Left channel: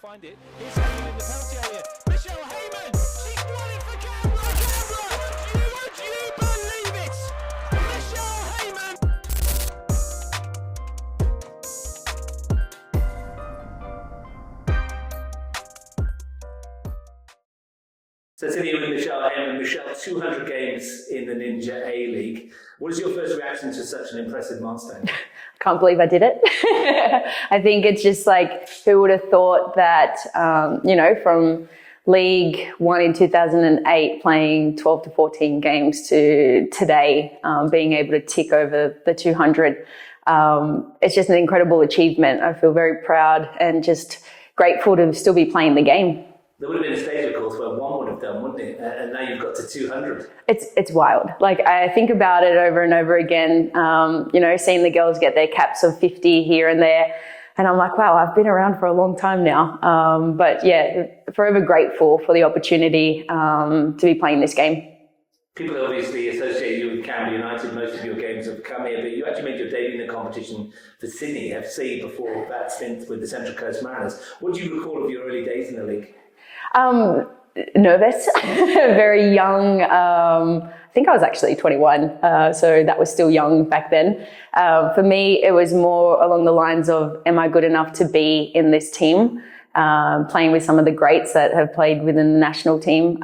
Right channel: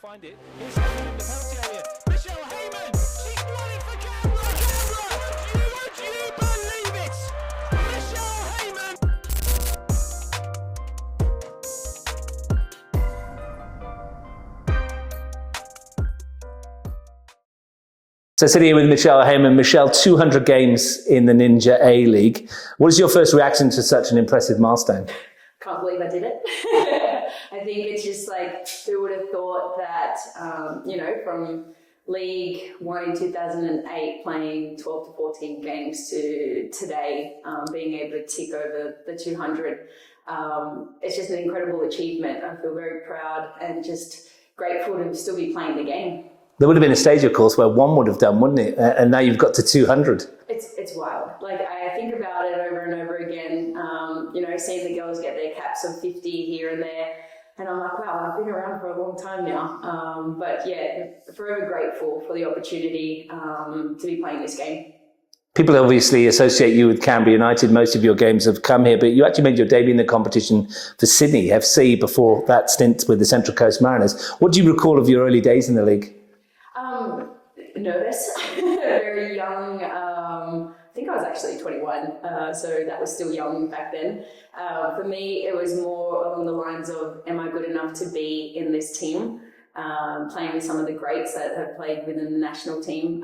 Find it. Here's Heyman in the penalty area. Michelle Heyman! She's won it for Canberra! Canberra! Would you believe it? Michelle Heyman! So sitting here with Michelle Heyman. Michelle, 200 games in the Ninja A-League. What is your first reaction to such an impressive milestone? Can't believe I did it. I think it's just like, who would have thought that, from League One in 2008, playing 12 to 14 games to today, being able to tick over the 200. It's just an incredible achievement. I feel very proud and just grateful to still be playing the game. There would have been a stage, of course, where one would have done, wouldn't it? And now you've got to 200. It's wild. Like, I think about it over and over again, seeing the girls get their caps of 50 here and there. And I'm like, wow, I've been around for a long time now. But yeah, forever grateful for the opportunity to be playing this game. People obviously associate you with Canberra United. Most of your games have come here, but you actually made your debut in the competition for Sydney FC before that stint with the Central Coast Mariners. What do you recall of your early days in the league? Nervous, very young. I think I was actually 21, so that was still young back then. For me, it was more along the lines of, am I good enough to be in this team? Playing with some of the greats that have played within the national team.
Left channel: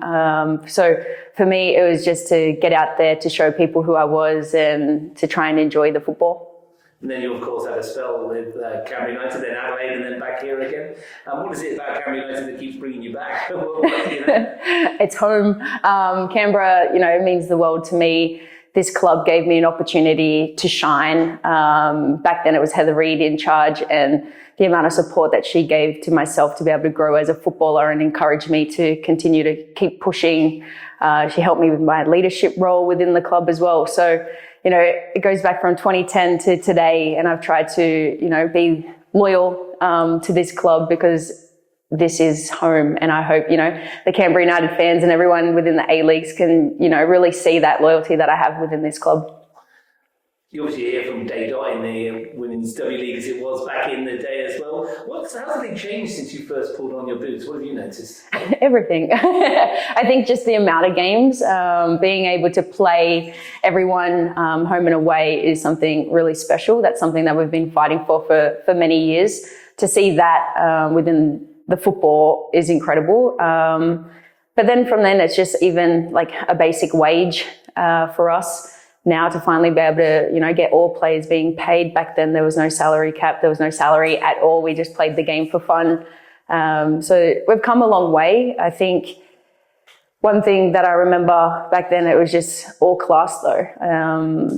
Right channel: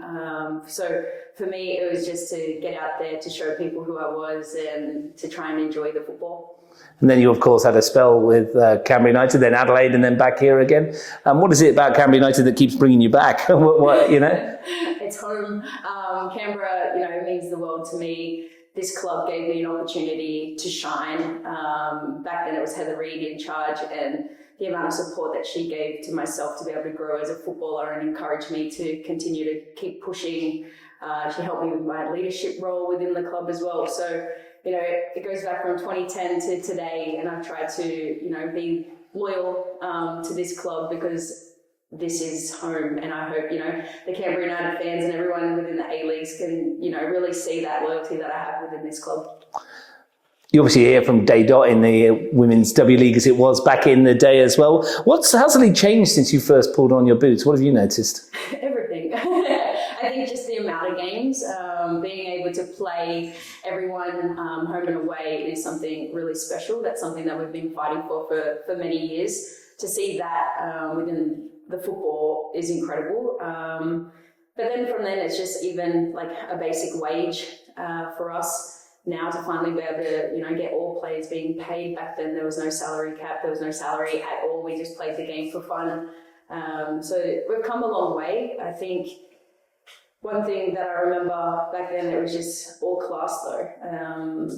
So for me, it was just to get out there to show people who I was and to try and enjoy the football. And then you, of course, had a spell with Canberra United, then Adelaide, and then back here again. What is it about Canberra United that keeps bringing you back? It's home. Canberra, it means the world to me. This club gave me an opportunity to shine. Back then it was Heather Reid in charge, and the amount of support that she gave to myself to be able to grow as a footballer and encourage me to continue to keep pushing. She helped me with my leadership role within the club as well. So, it goes back from 2010 to today, and I've tried to, be loyal to this club because this is home. And I hope, the Canberra United fans and everyone within the A-Leagues can, really see that loyalty that I have within this club. You obviously hear from day dot in the Women's W League as it was back in the day as well. How's the league changed since you first pulled on your boots? What have you noticed? Everything. I think just the amount of games, being able to play everyone home and away is something really special. That's something that we've been fighting for many years. To see that within the football is incredible. But then from then, it's just even like a basic wage for us. Now to finally be able to, get all players being paid. Back then there was no salary cap, there was no salary at all. We just played the game for fun. So we've come a long way. I think one thing that I remember back then, it was just all class though.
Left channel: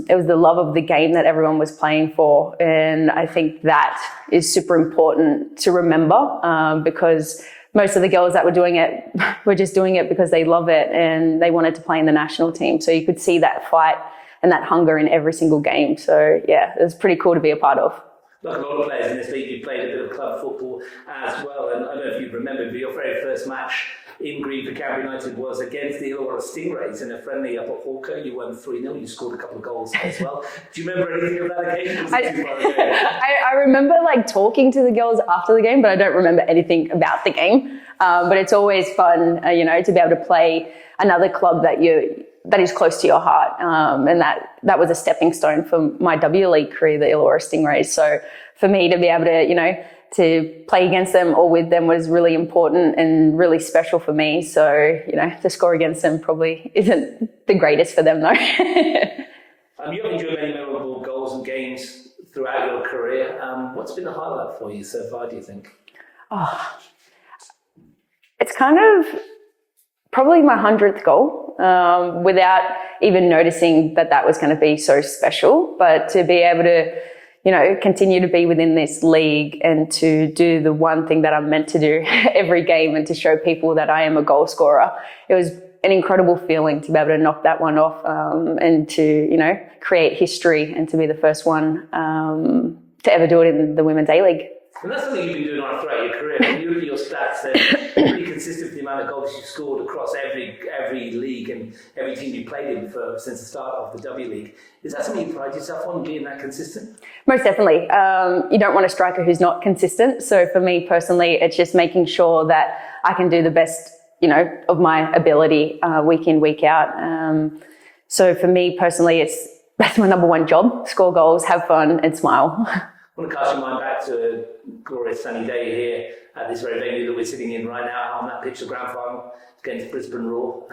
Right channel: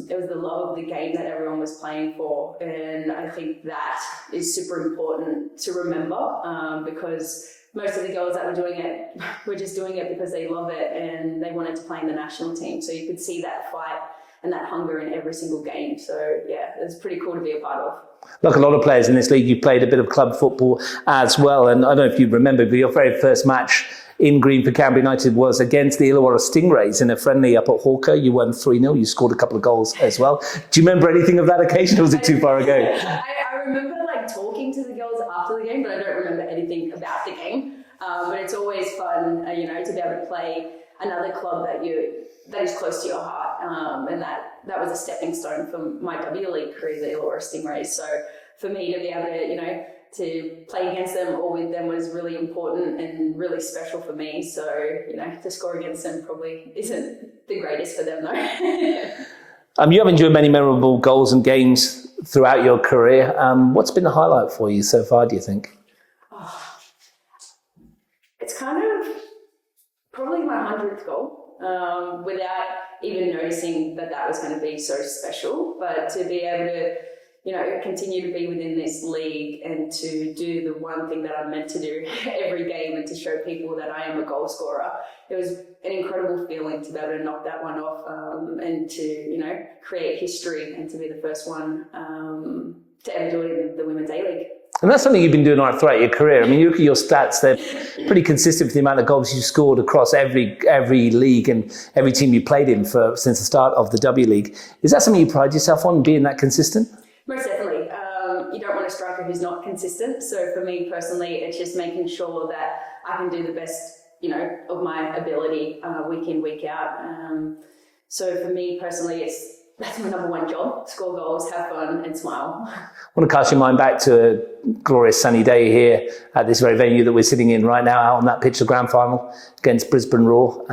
It was the love of the game that everyone was playing for. And I think that is super important to remember because most of the girls that were doing it were just doing it because they love it and they wanted to play in the national team. So you could see that fight and that hunger in every single game. So yeah, it was pretty cool to be a part of. Like a lot of players in this league, you played a bit of club football as well. And I don't know if you remember, but your very first match in green for Canberra United was against the Illawarra Stingrays in a friendly up at Hawker. You won 3-0. You scored a couple of goals as well. Do you remember anything of that occasion, or was it too far ago? I remember talking to the girls after the game, but I don't remember anything about the game. But it's always fun, to be able to play another club that is close to your heart. And that was a stepping stone for my W League career, the Illawarra Stingrays. So for me to be able to, to play against them or with them was really important and really special for me. So, to score against them probably isn't the greatest for them though. You have enjoyed many memorable goals and games throughout your career. What's been the highlight for you so far, do you think? It's kind of probably my 100th goal, without even noticing that was going to be so special. But to be able to, continue to be within this league and to do the one thing that I'm meant to do every game and to show people that I am a goal scorer, it was an incredible feeling to be able to knock that one off and to, create history and to be the first one to ever do it in the Women's A-League. And that's something you've been doing throughout your career. I mean, you look at your stats, they're pretty consistent with the amount of goals you scored across every league and every team you played in since the start of the W League. Is that something you pride yourself on, being that consistent? Most definitely. You don't want a striker who's not consistent. So for me personally, it's just making sure that I can do the best, of my ability week in, week out. So for me personally, that's my number one job: score goals, have fun, and smile. I want to cast your mind back to a glorious sunny day here at this very venue that we're sitting in right now, out on that pitch of grand final against Brisbane Roar.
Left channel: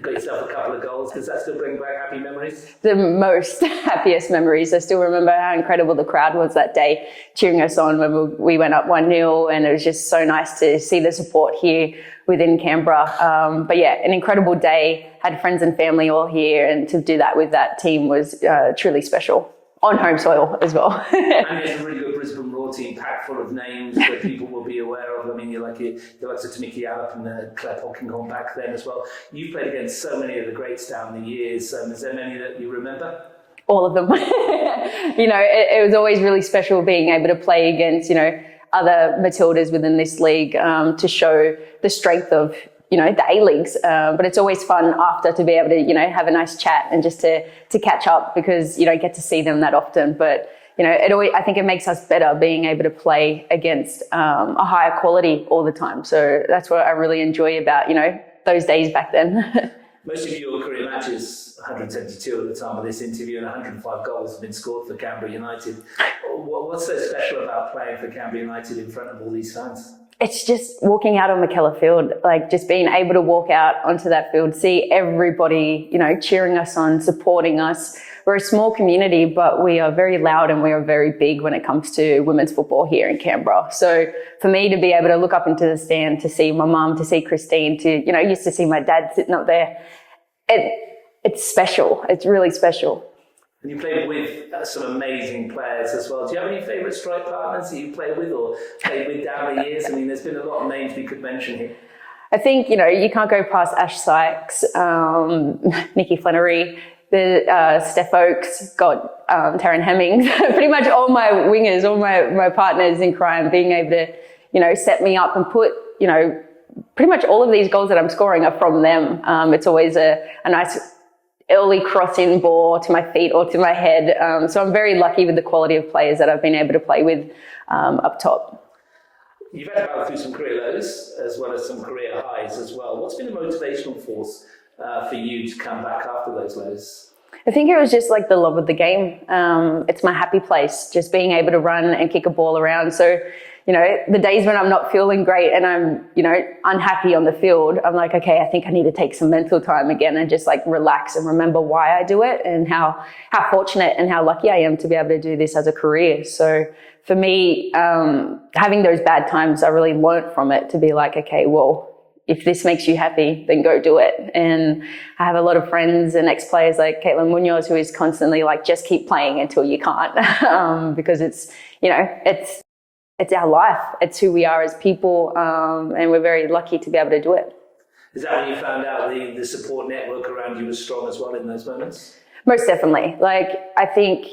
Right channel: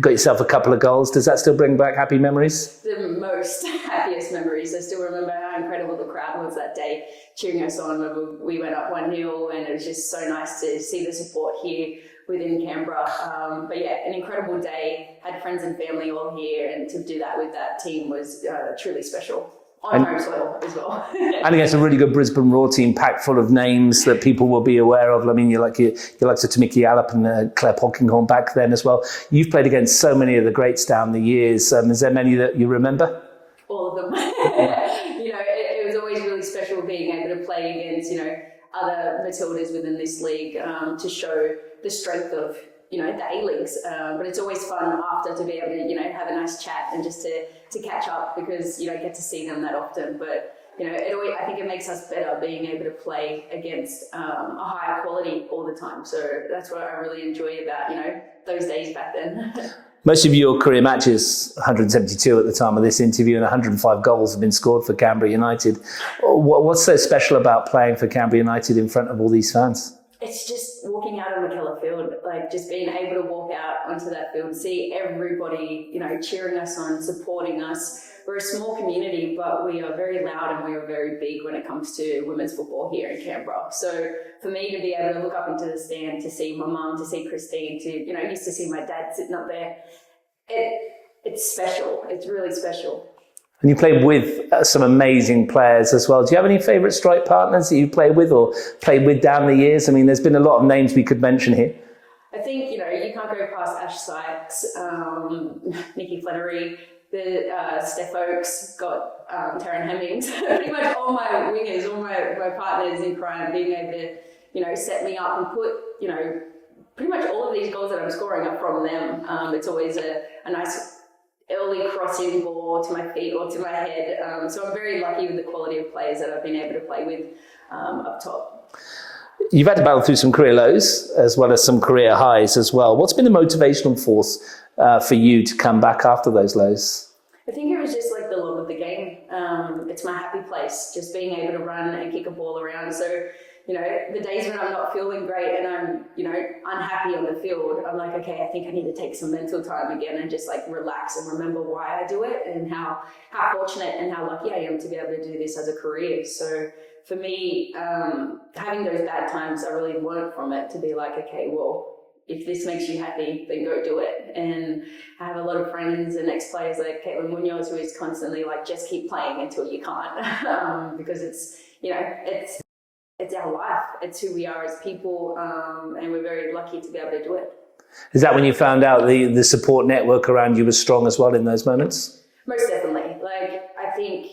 Got yourself a couple of goals. Does that still bring back happy memories? The most happiest memories. I still remember how incredible the crowd was that day, cheering us on when we went up 1-0, and it was just so nice to see the support here within Canberra. But yeah, an incredible day. Had friends and family all here, and to do that with that team was truly special. On home soil as well. I think it's a really good Brisbane Roar team, packed full of names that people will be aware of. I mean, you're like Tamiki Allop and Claire Polkinghorne back then as well. You've played against so many of the greats down the years. Is there many that you remember? All of them. It was always really special being able to play against, other Matildas within this league to show the strength of, the A-Leagues. But it's always fun after to be able to, have a nice chat and just to catch up, because you don't get to see them that often. But, I think it makes us better being able to play against a higher quality all the time. So that's what I really enjoy about, those days back then. Most of your career matches, 172 at the time of this interview, and 105 goals have been scored for Canberra United. What's so special about playing for Canberra United in front of all these fans? It's just walking out on McKellar Field, like just being able to walk out onto that field, see everybody, cheering us on, supporting us. We're a small community, but we are very loud and we are very big when it comes to women's football here in Canberra. So for me to be able to look up into the stand, to see my mum, to see Christine, used to see my dad sitting up there, it's special. It's really special. And you played with some amazing players as well. Do you have any favourite strike partners that you played with or played with down the years? I mean, there's been a lot of names we could mention here. I think, you can't go past Ash Sykes, Nikki Flannery, Steph Oakes, Taryn Hemmings, pretty much all my wingers, all my partners in crime, being able to, set me up and put, pretty much all of these goals that I'm scoring are from them. It's always a nice early crossing ball to my feet or to my head. So I'm very lucky with the quality of players that I've been able to play with up top. You've had to battle through some career lows as well as some career highs as well. What's been the motivational force for you to come back after those lows? I think it was just like the love of the game. It's my happy place, just being able to run and kick a ball around. So, the days when I'm not feeling great and I'm, unhappy on the field, I'm like, okay, I think I need to take some mental time again and just like relax and remember why I do it and how fortunate and how lucky I am to be able to do this as a career. So for me, having those bad times, I really learned from it to be like, okay, well, if this makes you happy, then go do it. And I have a lot of friends and ex-players like Caitlin Munoz, who is constantly like, just keep playing until you can't, because it's our life. It's who we are as people, and we're very lucky to be able to do it. Is that when you found out the support network around you was strong as well in those moments? Most definitely. Like, I think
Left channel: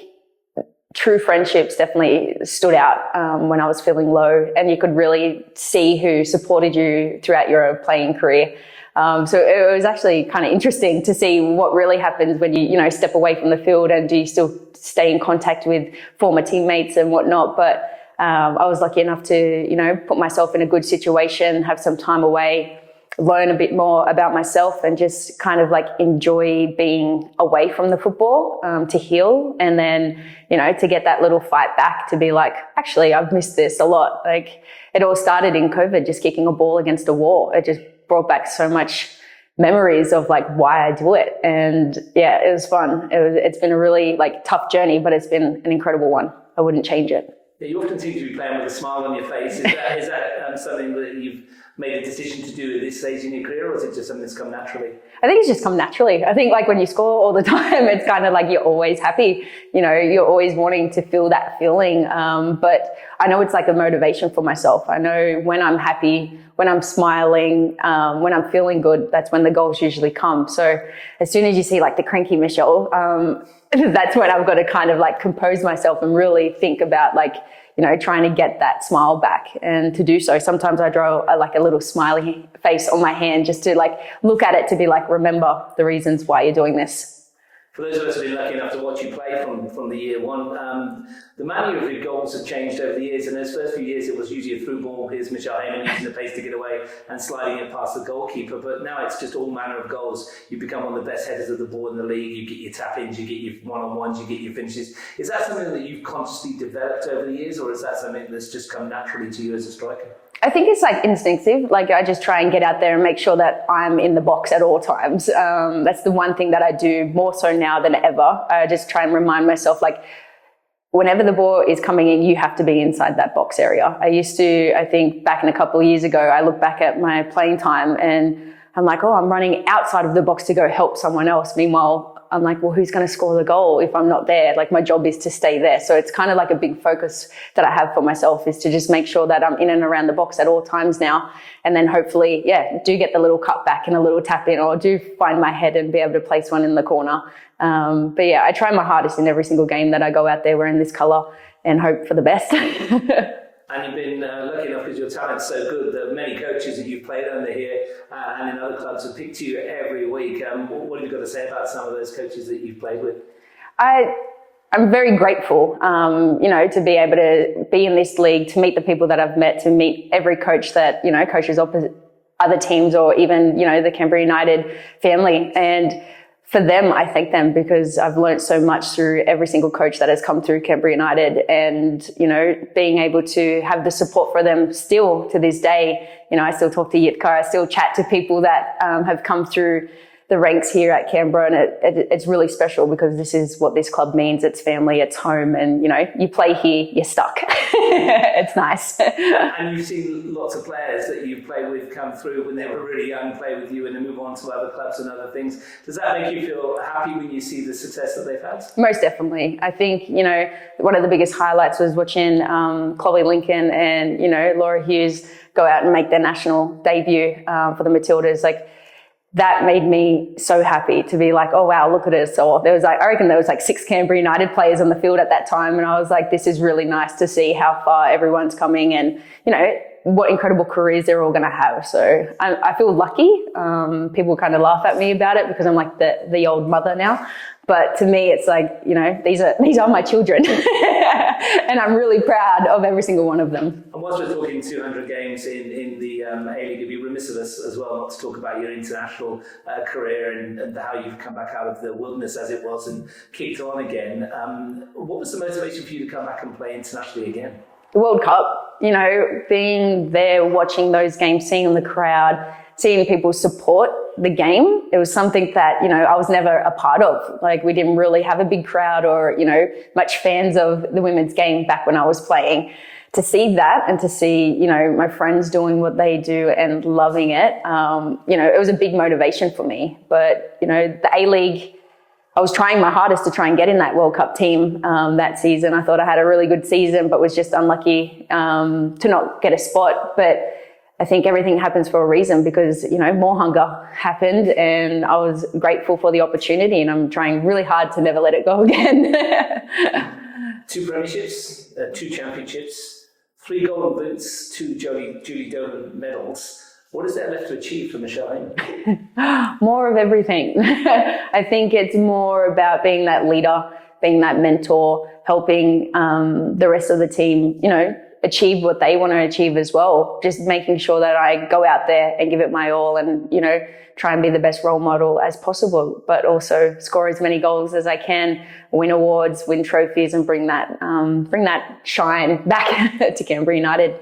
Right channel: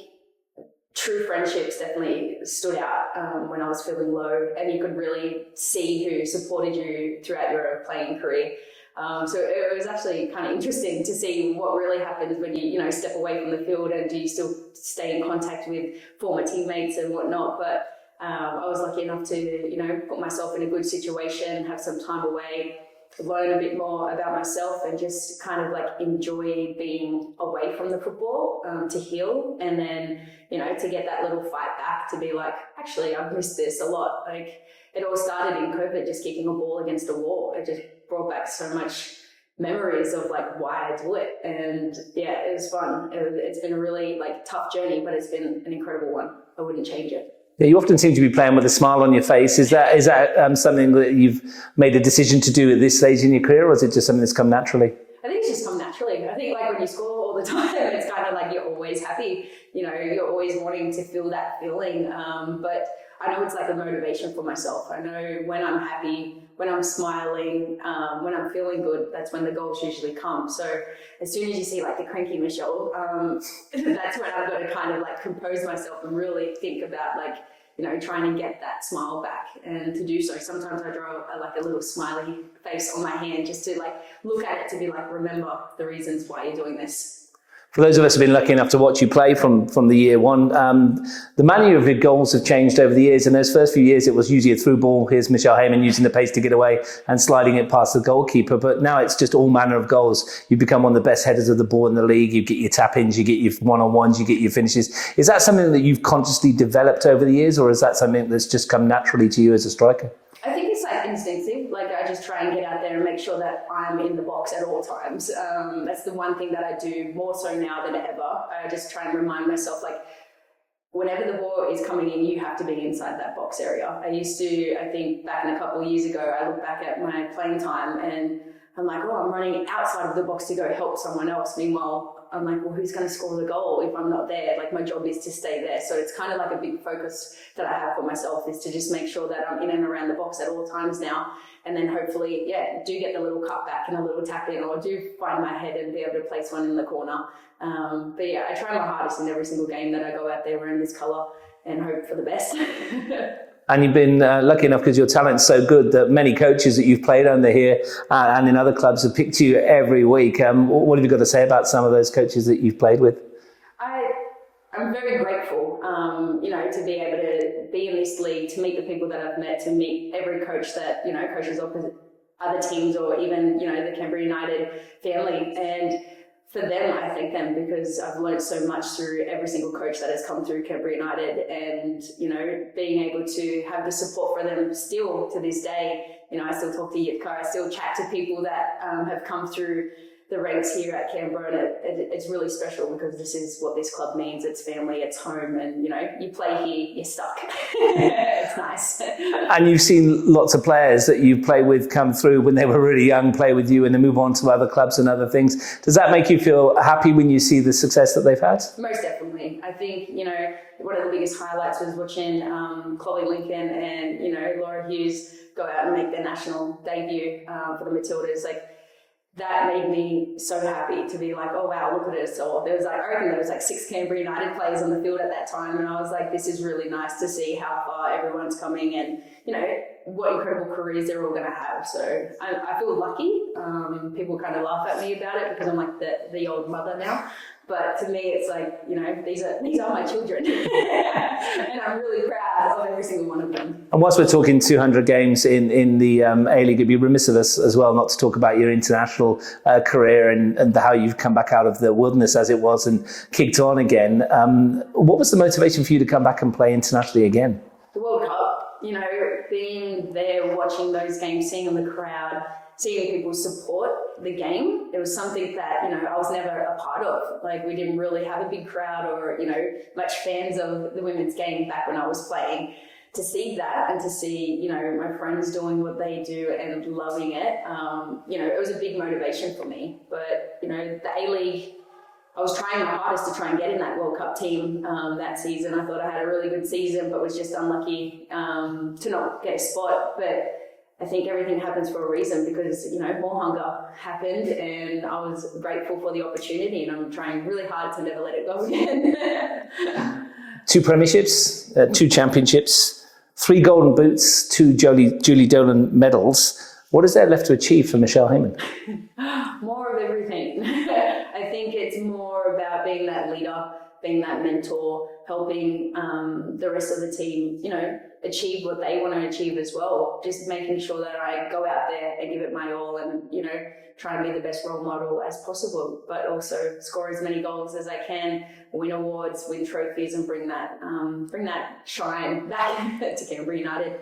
true friendships definitely stood out when I was feeling low, and you could really see who supported you throughout your playing career. So it was actually kind of interesting to see what really happens when you step away from the field, and do you still stay in contact with former teammates and whatnot. But I was lucky enough to, put myself in a good situation, have some time away, learn a bit more about myself, and just kind of like enjoy being away from the football to heal. And then, to get that little fight back to be like, actually, I've missed this a lot. Like, it all started in COVID, just kicking a ball against a wall. It just brought back so much memories of like why I do it. And yeah, it was fun. It's been a really like tough journey, but it's been an incredible one. I wouldn't change it. Yeah, you often seem to be playing with a smile on your face. Is that something that you've made a decision to do at this stage in your career, or is it just something that's come naturally? I think it's just come naturally. I think like when you score all the time, it's kind of like you're always happy. You're always wanting to feel that feeling. But I know it's like a motivation for myself. I know when I'm happy, when I'm smiling, when I'm feeling good, that's when the goals usually come. So as soon as you see like the cranky Michelle, that's when I've got to kind of like compose myself and really think about like, trying to get that smile back. And to do so, sometimes I draw a little smiley face on my hand just to like look at it, to be like, remember the reasons why you're doing this. For those of us who've been lucky enough to watch you play from the year one, the manner of your goals have changed over the years. In those first few years, it was usually a through ball. Here's Michelle Heyman using the pace to get away and sliding it past the goalkeeper. But now it's just all manner of goals. You become one of the best headers of the ball in the league. You get your tap-ins, you get your one-on-ones, you get your finishes. Is that something that you've consciously developed over the years, or is that something that's just come naturally to you as a striker? I think it's like instinctive. Like I just try and get out there and make sure that I'm in the box at all times. That's the one thing that I do more so now than ever. I just try and remind myself, like, whenever the ball is coming in, you have to be inside that box area. I think back in a couple of years ago, I look back at my playing time and I'm like, oh, I'm running outside of the box to go help someone else. Meanwhile, I'm like, well, who's going to score the goal if I'm not there? Like, my job is to stay there. So it's kind of like a big focus that I have for myself, is to just make sure that I'm in and around the box at all times now. And then hopefully, do get the little cut back and a little tap in, or do find my head and be able to place one in the corner. But I try my hardest in every single game that I go out there wearing this colour and hope for the best. And you've been lucky enough, because your talent's so good, that many coaches that you've played under here and in other clubs have picked you every week. What have you got to say about some of those coaches that you've played with? I'm very grateful, to be able to be in this league, to meet the people that I've met, to meet every coach that, coaches opposite other teams, or even, the Canberra United family. And for them, I thank them, because I've learned so much through every single coach that has come through Canberra United, and, being able to have the support for them still to this day. I still talk to Yitka, I still chat to people that have come through the ranks here at Canberra, and it's really special, because this is what this club means. It's family, it's home, and you play here, you're stuck. It's nice. And you've seen lots of players that you play with come through when they were really young, play with you, and then move on to other clubs and other things. Does that make you feel happy when you see the success that they've had? Most definitely. I think, one of the biggest highlights was watching Chloe Lincoln and, Laura Hughes go out and make their national debut for the Matildas. Like, that made me so happy to be like, oh wow, look at us. So I reckon there was 6 Canberra United players on the field at that time. And I was like, this is really nice to see how far everyone's coming, and, what incredible careers they're all going to have. So I feel lucky. People kind of laugh at me about it, because I'm like the old mother now. But to me, it's like, these are my children. And I'm really proud of every single one of them. And whilst we're talking 200 games in the A-League, it'd be remiss of us as well not to talk about your international career and how you've come back out of the wilderness, as it was, and kicked on again. What was the motivation for you to come back and play internationally again? The World Cup, being there, watching those games, seeing the crowd, seeing people support the game. It was something that, I was never a part of. Like, we didn't really have a big crowd or, much fans of the women's game back when I was playing. To see that, and to see, my friends doing what they do and loving it, it was a big motivation for me. But, the A-League, I was trying my hardest to try and get in that World Cup team that season. I thought I had a really good season, but was just unlucky to not get a spot. But I think everything happens for a reason, because, more hunger happened, and I was grateful for the opportunity, and I'm trying really hard to never let it go again. 2 premierships, 2 championships, 3 golden boots, 2 Julie Dolan medals. What is there left to achieve for Michelle Heyman? More of everything. I think it's more about being that leader, being that mentor, helping the rest of the team, achieve what they want to achieve as well. Just making sure that I go out there and give it my all, and, try and be the best role model as possible, but also score as many goals as I can, win awards, win trophies, and bring that shine back to Canberra United.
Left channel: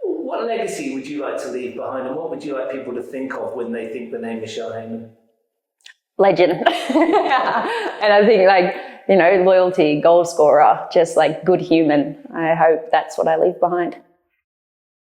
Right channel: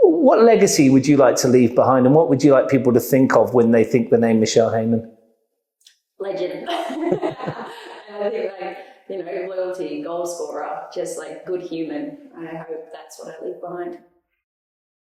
What legacy would you like to leave behind, and what would you like people to think of when they think the name Michelle Heyman? Legend. And I think, loyalty, goal scorer, just good human. I hope that's what I leave behind.